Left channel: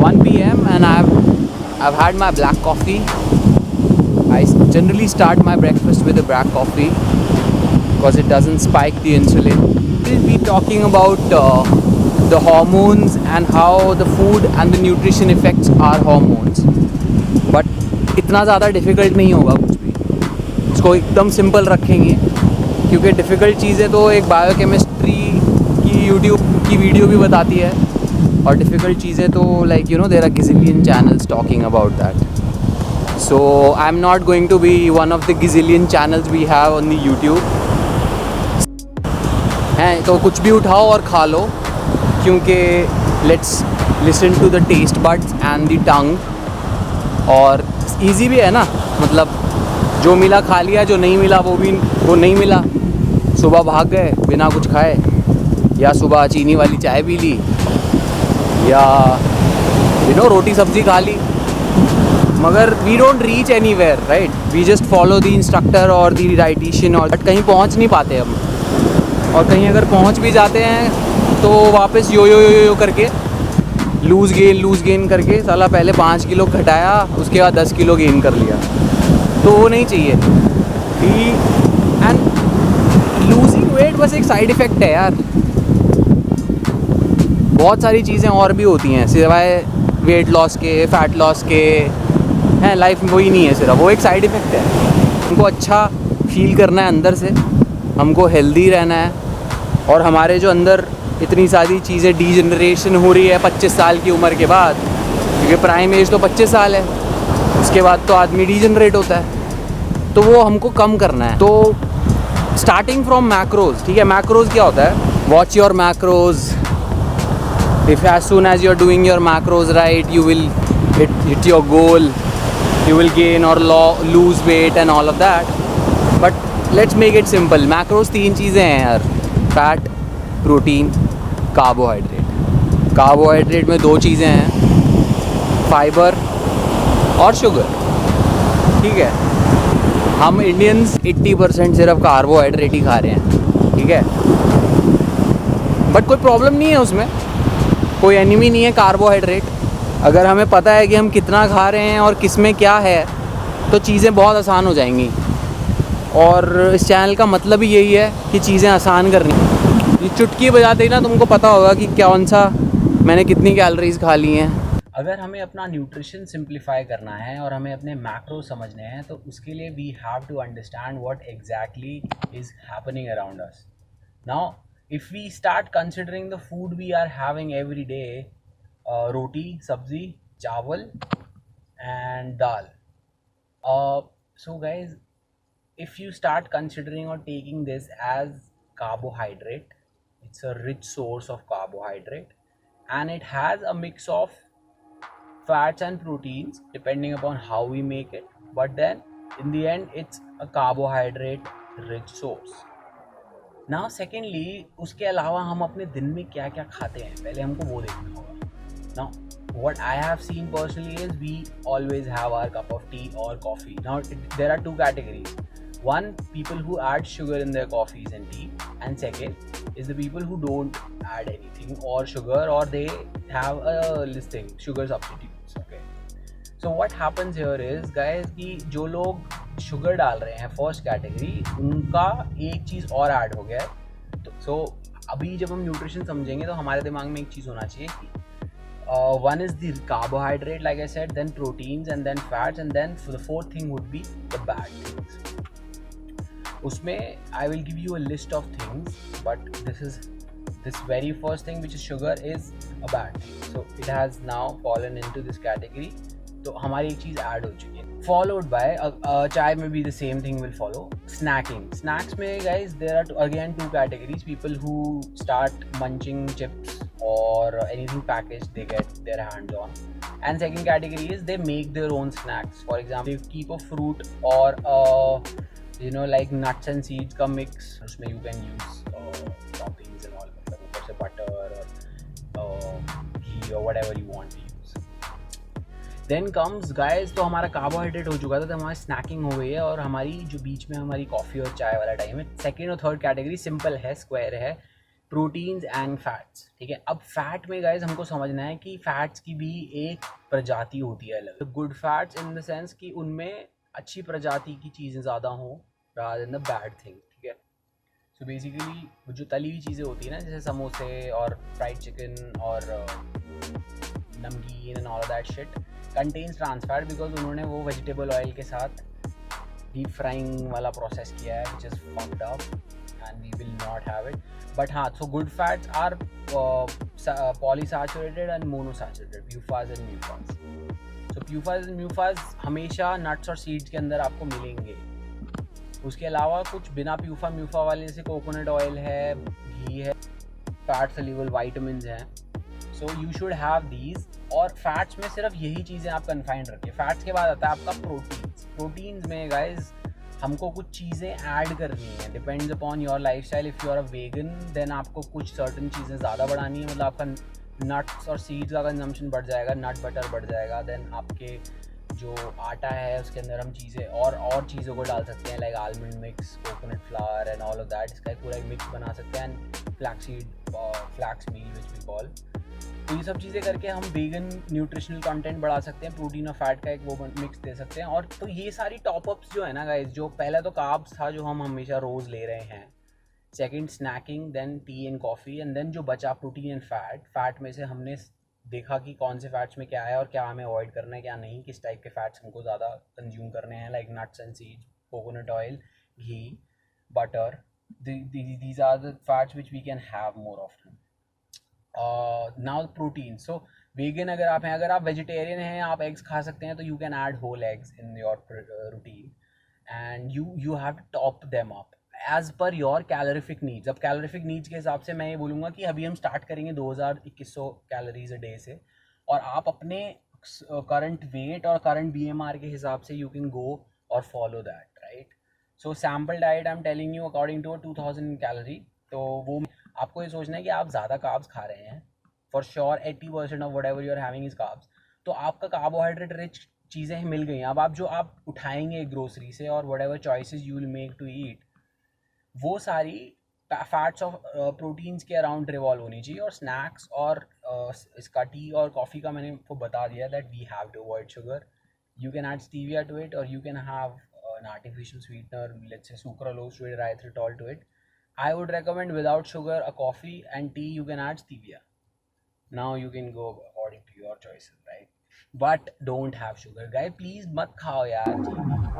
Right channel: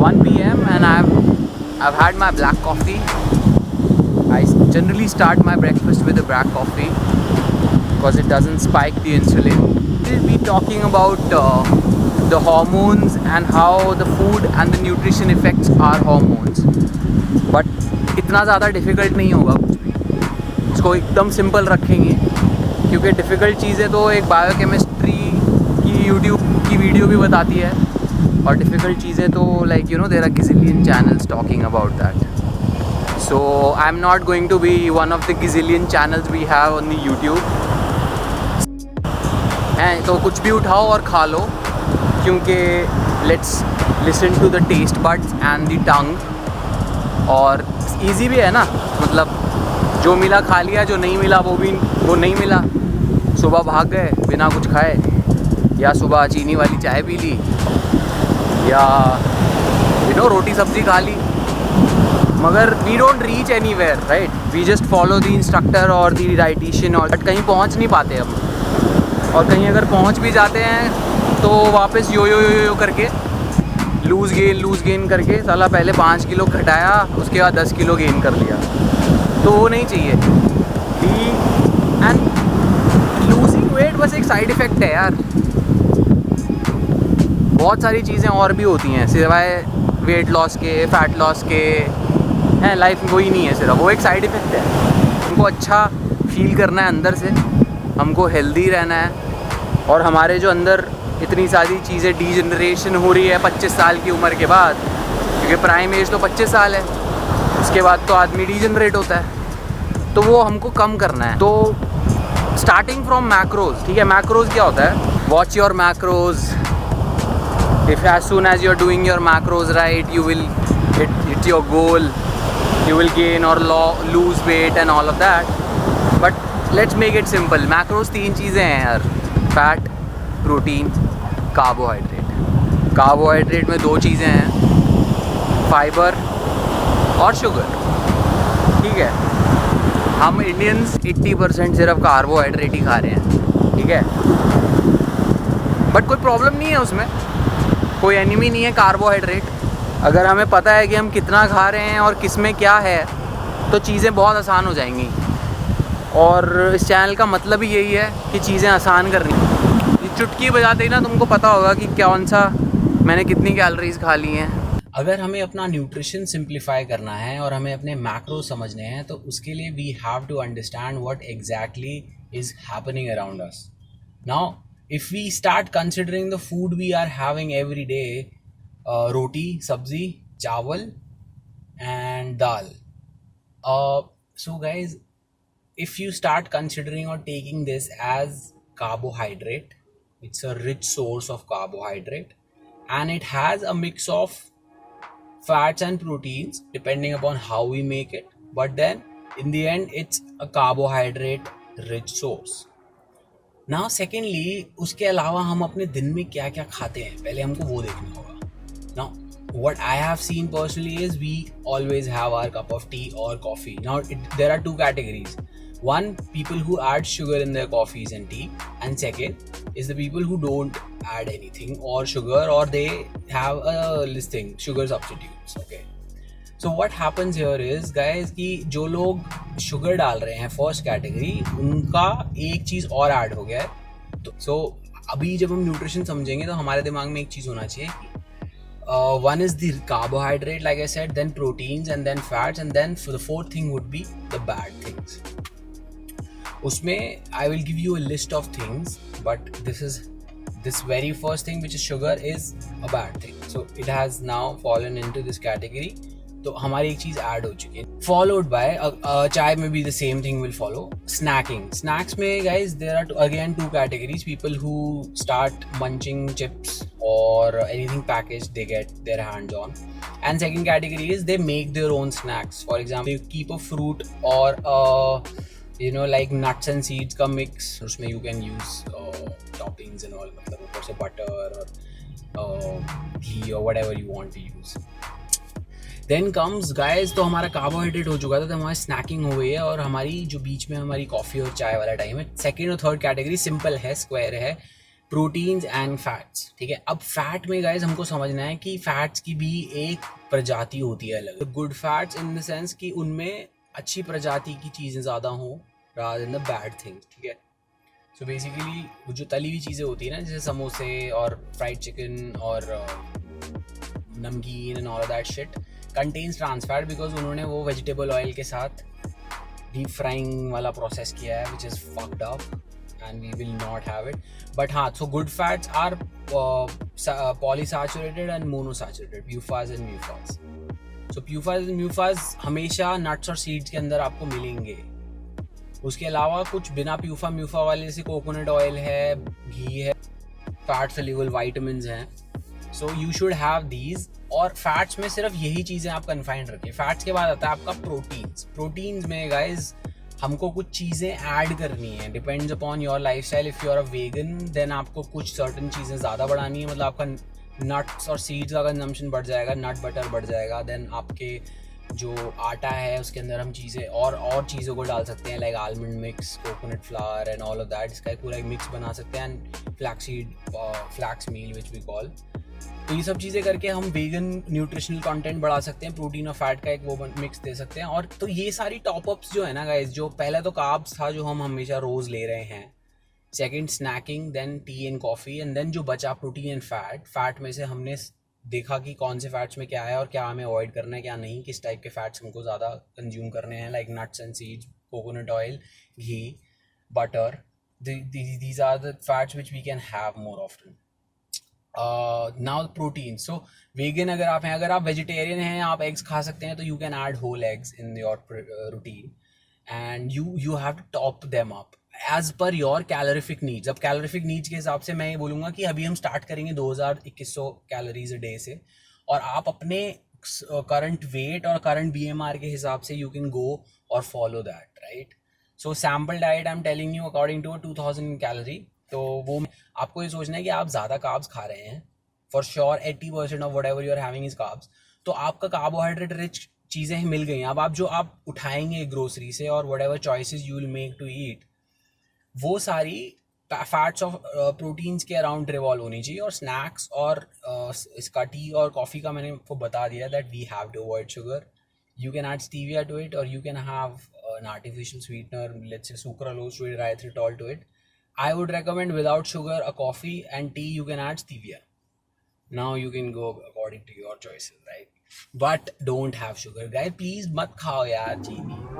1 p.m. and I've had my black coffee. I generally start my breakfast with a black coffee because it doesn't spike the insulin. We'll be talking about the hormones and how the food and the nutrition affects our hormones. But इतना ज़्यादा difficult नहीं होगा कुछ भी, इसको एकदम simple रखेंगे क्योंकि डिफ़िकल्ट चीज़ें तो एक बायोकेमिस्ट्री की यूट्यूब की वीडियो भी बताती है और डिफ़िकल्ट चीज़ें तो like you know there are gazillion channels talking about that. So I'm not going to be one of the gazillion channels we have on the YouTube. हैं तो कुछ भी उठाओ और खा लो क्योंकि let's listen to the taste buds and the tongue. और easy भी है ना, मतलब जो मिला खा लिया, जो नहीं मिला वो नहीं मिला. सुबह भाग गए बिना कुछ खाए, या सुबह चीनी वाली चाय पी ली, या यू नो रोटी सब्ज़ी खा ली, मगर we don't reach anywhere right. We just follow the instructor और द डाइटिशियन और बट कहीं पहुंच नहीं पाते हम. और कहीं अगर पहुंच भी जाते हैं तो वापस यो करके लूज़ गेन करके साला पहले 5 किलो घटाया, उसके बाद 10 किलो गेन कर लिया. तो वो नहीं चाहिए. एंड लूजिंग वेट बस एक साइड इफ़ेक्ट है यार. बहुत सारी चीज़ें और भी होती हैं सिवाय वेट लॉस के, फैट लॉस के हैं. लाइफ में वही नहीं है सिर्फ, वो एक साइड इफ़ेक्ट है. हमको अच्छा फील करना है अंदर से, हमको हेल्दी रहना है. और हमारे जो अंदर इतनी सारी चीज़ें डीजनरेशन हो रही है 25 साल की उम्र के बाद, क्योंकि प्राइम एज तो 25 साल है, उसके बाद तो आदमी डीजनरेट होता है. तो वो हमको कम करना है. तो स्टार्टिंग फ्रॉम मैक्रोज. ठीक है, मैक्रोज क्या होता है? Watch your macros. If as soon as you're doing your macros right, you will hit your goal, you will gain or lose weight and all of that. But let's make it simple. Macros 3 चीज़ें हैं यार: fat, protein, carbohydrate. Carbohydrate में 2 चीज़ें हैं, fibre और sugar. ठीक है, हम इंडियंस 80% सिर्फ कार्बोहाइड्रेट ही खा रहे हैं. ठीक है, बट कोई प्रॉब्लम नहीं है उसमें, कोई एनिमी नहीं है कार्बोहाइड्रेट. अगर हमें पता है कि हम कितना खा रहे हैं और किस में क्या है तो चीज़ें बहुत आसान हो जाएंगी. और इस चैनल का मतलब ही यही है कि चीज़ें आसान करनी. ये चुटकी बजाते ही ना तुमको पता होगा कि कौन सा मैंने कितनी कैलोरीज खा ली हैं. अगर हमें अपना न्यूट्रिशन सिंप्लीफाई करना है और हमें अपने मैक्रो समझने हैं तो उसके लिए we have to understand what exactly is happening around us. Now if we start considering the food we are having every day, roti, sabzi, chawal and dal. So guys, if you start considering or taking this as carbohydrate, it's a rich source of carbohydrate and it has a mix of fats and proteins depending upon how we make it, but then in the end it's a carbohydrate rich source. Now secondly, उसके अलावा हम अपने दिन में क्या क्या खाते हैं पहले हमको वो देखना होगा. Now what I have seen personally is we always have our cup of tea और coffee. Now there are 2 categories. One, people who add sugar in their coffees and tea, and second is the people who don't add anything or sugar, or they have a listing sugar substitutes. Okay, so what happens here is guys कि जो लोग sugar डाल रहे हैं first category, उनका एक चीज़ और add हो गया है. तो सो अभी जब हम न्यूट्रिशन समझेंगे तो हमारे दिमाग में एक चीज़ होना चाहिए कि one is the carbohydrate like I said, then proteins and then fats, and then for the 4th thing would be the bad things. उसमें I will give you a list of things, but this very first thing which is sugar is a bad thing. So it has now fallen into this category. तो हमारी एक चीज़ add हो चुकी है. Followed by चाय में भी the same thing will follow. Snacking. Snacks में guys there are again 2 categories. People who start munching chips और anything package they get their hands on. And second category is they make their own snacks. For example keep a fruit और you know like nuts and seeds का mix. उसमें you can use toppings and all, मतलब ऊपर से butter और घी और whatever you want to use. Then comes guys, तो हमारा कार्बोहाइड्रेट हो चुका था, तो हमारी स्नैकिंग हो गई है और हमारी जो बीच में हमारी कॉफ़ी और चाय वाला टाइम है. सेकेंड और थर्ड कैटेगरी सिंपल है, स्क्वायर है. प्रोटीन्स एंड फैट्स, ठीक है। अब फैट में गाइज हमको समझना है कि फैट्स की भी एक प्रजाति होती है अलग, good fats in the sense कि उनमें अच्छी प्रजाति की चीज़ें ज़्यादा हों rather than the bad things, ठीक है। सो बेसिकली जो तली हुई चीज़ें होती है ना, जैसे समोसे और फ्राइड चिकन और नमकीन and all that shit contains trans fat, because उन्होंने वो वेजिटेबल ऑयल के साथ डीप फ्राइंग वाला प्रोसेस किया है, which is fucked up and we will not have it. But हाँ, so good fats are polysaturated and monosaturated, PUFAs and MUFAs. So PUFAs and MUFAs हमेशा nuts और seeds के अंदर आपको मिलेंगे। उसके अलावा कुछ बिना PUFA MUFA वाले, जैसे कोकोनट ऑयल है, घी है, फैट सोल्यूबल वाइटामिन हैं, so you should have these. और फैट्स में सिर्फ यही चीज़ें आप कन्फाइंड रखें। फैट्स के बाद आता है आपका प्रोटीन्स। प्रोटीन्स में गाइज हमको कुछ चीज़ें ऐड करनी है, depends upon your lifestyle. If you are a vegan then आपको कुछ सर्टन चीज़ें ज़्यादा बढ़ानी है, मतलब आपका नट्स और सीड्स का कंजम्पशन बढ़ जाएगा, नट बटर बढ़ जाएगा। देन आपके जो आटा है उसके अंदर हम चीज़ें और चीज़ों को डाल सकते हैं, like almond mix, coconut flour and all of that. इसका एक पूरा एक मिक्स बना सकते हैं, and flaxseed, flax meal which we call. तो ये सब चीज़ें करके हम वेगन न्यूट्रिशनल कंटेंट बढ़ा सकते हैं, प्रोटीन और फैट का एक वो मिक्स दे सकते हैं। और तो ये सारी टॉपअप्स जो है ना गाइज, जो पहले तो कार्ब्स था जो हम हमेशा रोज़ ले रहे हैं, second snacking, then tea and coffee, and then जो बचा प्रोटीन एंड फैट। फैट में से हमने देखा कि कौन से फैट्स में क्या है और क्या हमें अवॉइड करना है, क्या नहीं, किस टाइप के फैट्स हमको ज़्यादा कंज्यूम करने हैं, like nuts and seeds, coconut oil, ghee, butter. These are the fats which we can have more often. Now protein, so vegan अगर आप हैं, अगर आप वेजिटेरियन हैं, आप एग्स खा सकते हैं, तो you can add whole eggs in your routine, and you have to top them up as per your calorific needs. अब कैलोरीफिक नीड्स के हिसाब से मैं ये बोलूँगा कि अभी हम स्टार्ट करेंगे 2100 कैलोरीज अ डे से, और आप अपने करंट वेट और करंट BMR के हिसाब से यू कैन गो और follow that, right. So sample diet I am telling you according to 2000 calorie. तो वो आपको ये सोचना है कि आप ज़्यादा कार्ब्स खा रहे हैं, for sure 80% of whatever you are having is carbs. तो आपका कार्बोहाइड्रेट रिच चीज़ें मिल गई हैं। अब आप जो आप उठाएंगे ग्रोसरी से और whatever choices you will make to eat, वो सारी फैट्स ऑफ प्रोटीन्स के अराउंड रिवॉल्व होनी चाहिए। और स्नैक्स और इसका टी और कॉफ़ी का मैंने आपको बता दिया that we have to avoid sugar. You can add stevia to it, और you can have an artificial sweetener, let's say sucralose to it, erythritol to it. I would recommend without sugar a coffee, and tea you can add stevia. Now you can go according to your choices, right? But don't have sugar, guys. Please मत खाओ यार चीनी।